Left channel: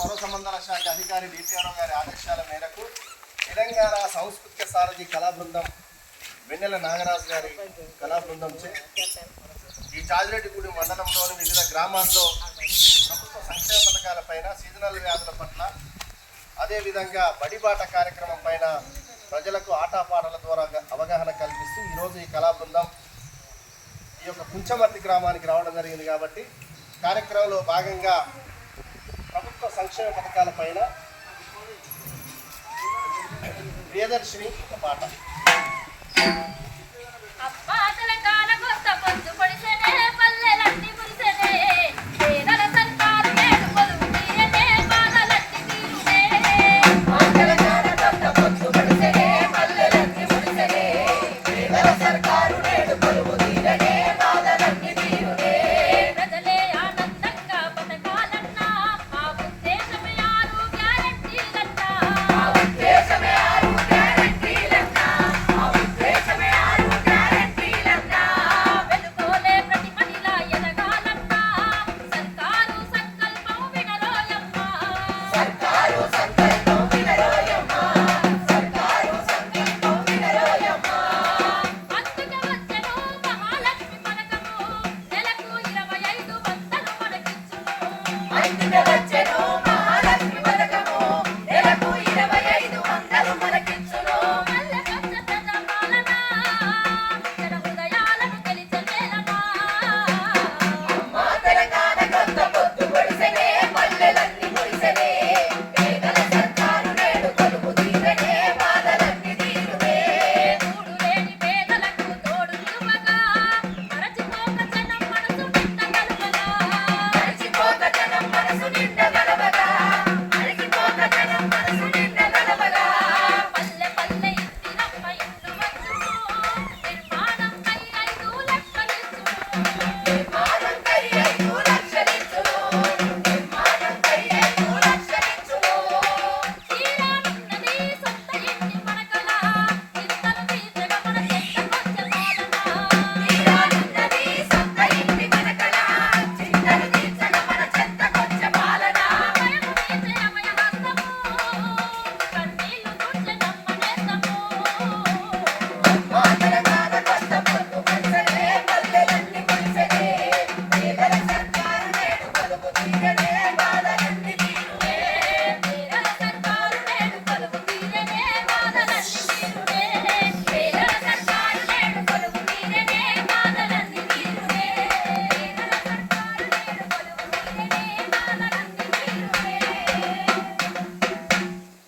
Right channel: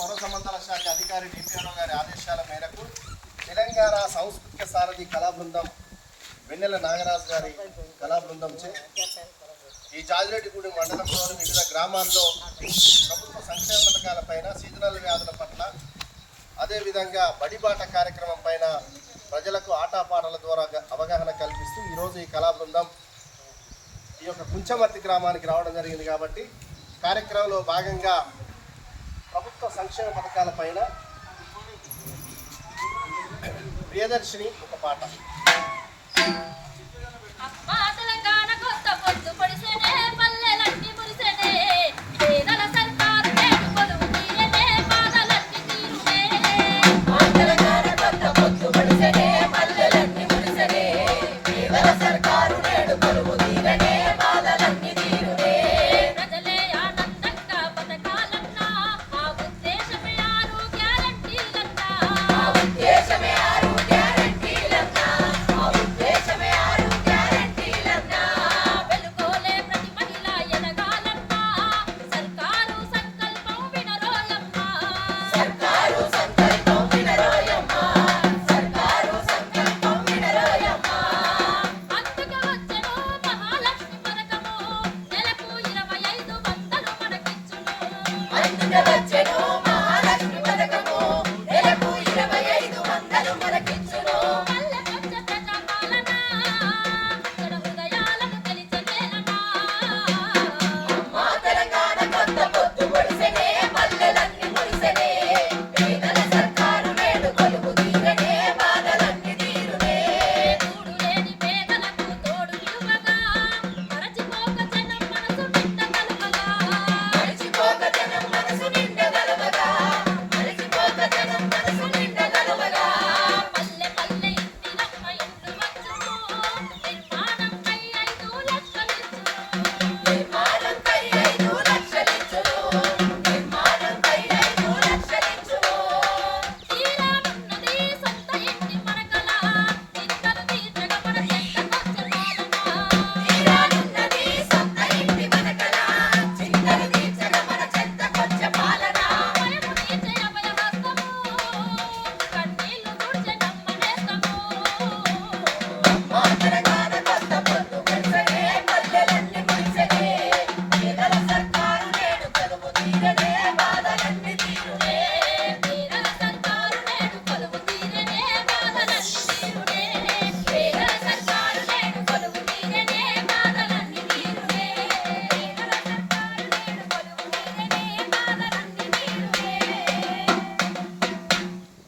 పౌర సంబంధాల శాఖ అధికారి డిపిఆర్ఓ గారి ఆదేశాల మేరకు తెలంగాణ సాంస్కృతిక సారథి కళా బృందం వెన్నెల నాగరాజు గారి కళా బృందం చే ఈ జాజిరెడ్డిగూడి మండలంలోని వివిధ గ్రామాల్లో ప్రభుత్వ సంక్షేమ పథకాలపైన సీజనల్ వ్యాధుల పట్ల అదేవిధంగా బడిబాట కార్యక్రమం పైన ప్రజలకు ఆటపాటల ద్వారా అవగాహన కల్పిస్తూ ఈరోజు ఈ కళా బృందం ఈ యొక్క కుంచమర్తి గ్రామానికి రావడం జరిగింది కాబట్టి కార్యక్రమంలో భాగంగా ప్రభుత్వ సంక్షేమ పథకాల పైన ప్రియదర్శిని ఒక పాట.